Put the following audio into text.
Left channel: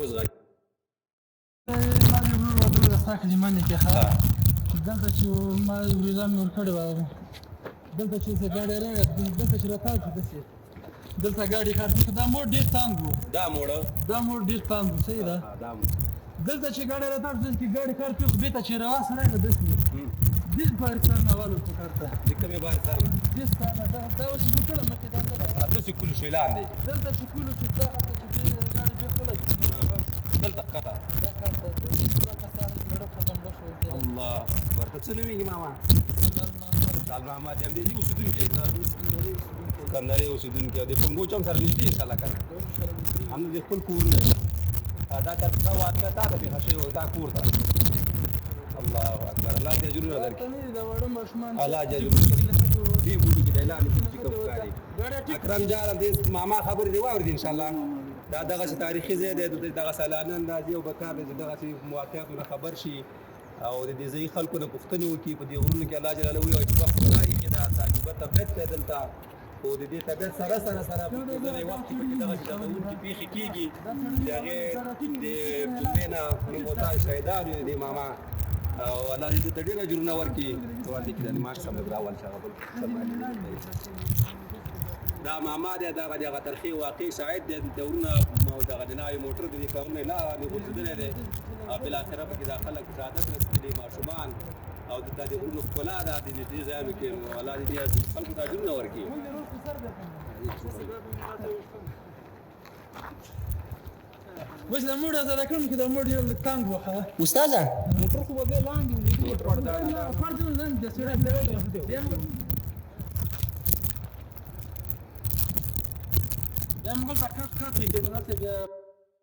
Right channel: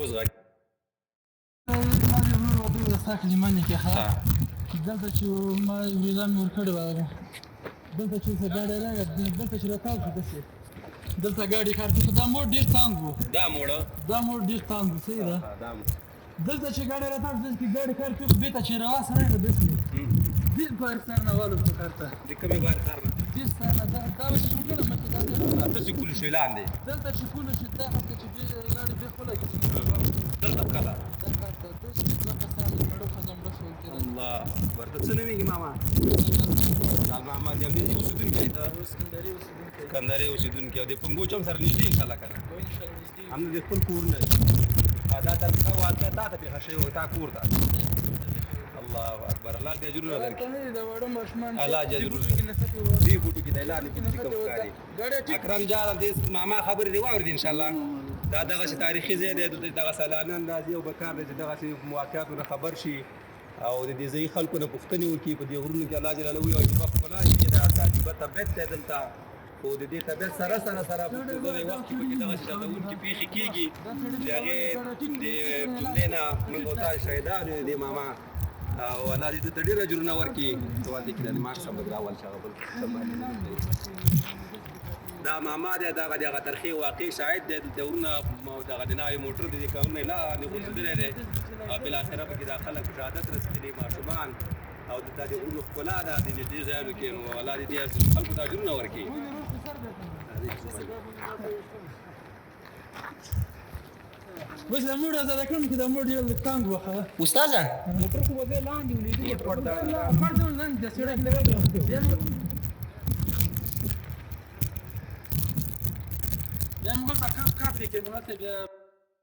اوس غږ ما دې ورور ودرو ستا کلمانې کې ښه دلته چې ما ویزا مې ورکړې وه دلته چې څه ګاډی راغی دلته چې راتاو شو داسې دلته ګاډي کار شو دا موډ ډېر تانګ و دا موډ ډېر تانګ و صحیح ده دلته چې ګاډی راتاو شو دلته ګاډي کار کوي بېرته چې رواس راغی داسې دې بار کار نه والو په کار ته د کومې بار کار نه دې ستا نه دا و چې وکړه مخکې دا داسې کولو شي لاندې دلته چې کولو چې دا هلته چې ګاډي بېخ ولګي دلته ښکته الله اکبر ته څه نومېږي ماما لال محمد یم دې اوسېدونکی سکندرۍ اوسېدونکی او د پنګوچ هم سره نږدې انشاءالله که نه همدې د خپل کور نه دا ترخه واقعه تا ته پېښه شوې وه تا کور ته الله اکبر الله دې اجرونه درکړي الله دې اجرونه دې بوټو کې دی لاندې بوټو کې ښکاري اکرم جان دې ماما خبرې دې واورېدې انشاءالله دا دغسې تاریخي ځای دی دغه سیلانیان راځي او پکار دی چې دغسې واقعاتو نه خبر شي او د دې ځایي خلکو نه پوښتنې وکړي په دې غرونو کې الله جلاله ووایي چې وخت راشي چې دا عجیبه طبیعت دی دلته خو د دې طبیعت سره په ځینې وخت کې پکې دغسې ډارونکې پېښې کېږي د هغې د جملې نه موږ ورته شهیدان یو د دې ماما او الله دې ده ته ډېر اجرونه ورکړي سوال دی کې د لمر سبق راول چې هغه بل دا ماما دی دغه د هغه ترخې واقعي شاهد دی دورونه دغه د نوی موټر د دې کارونه لاندې غورځېدلی دی بالاخره پکې دا خلک شهادت رسېدلي ماشومان او د دې غرونو ښکلا ده د دې ځایونو کې نو الله دې خلکو ته اجرونه ورکړي بس دا موډ زه راکړم چې دا موډ یو لږ تنګ وښه استاده موټر خو به بیا لاندې ولیدو پړدون لاندې د سړک بیا موږ هلته کاپ کاپ یې کېدو ماتې بیا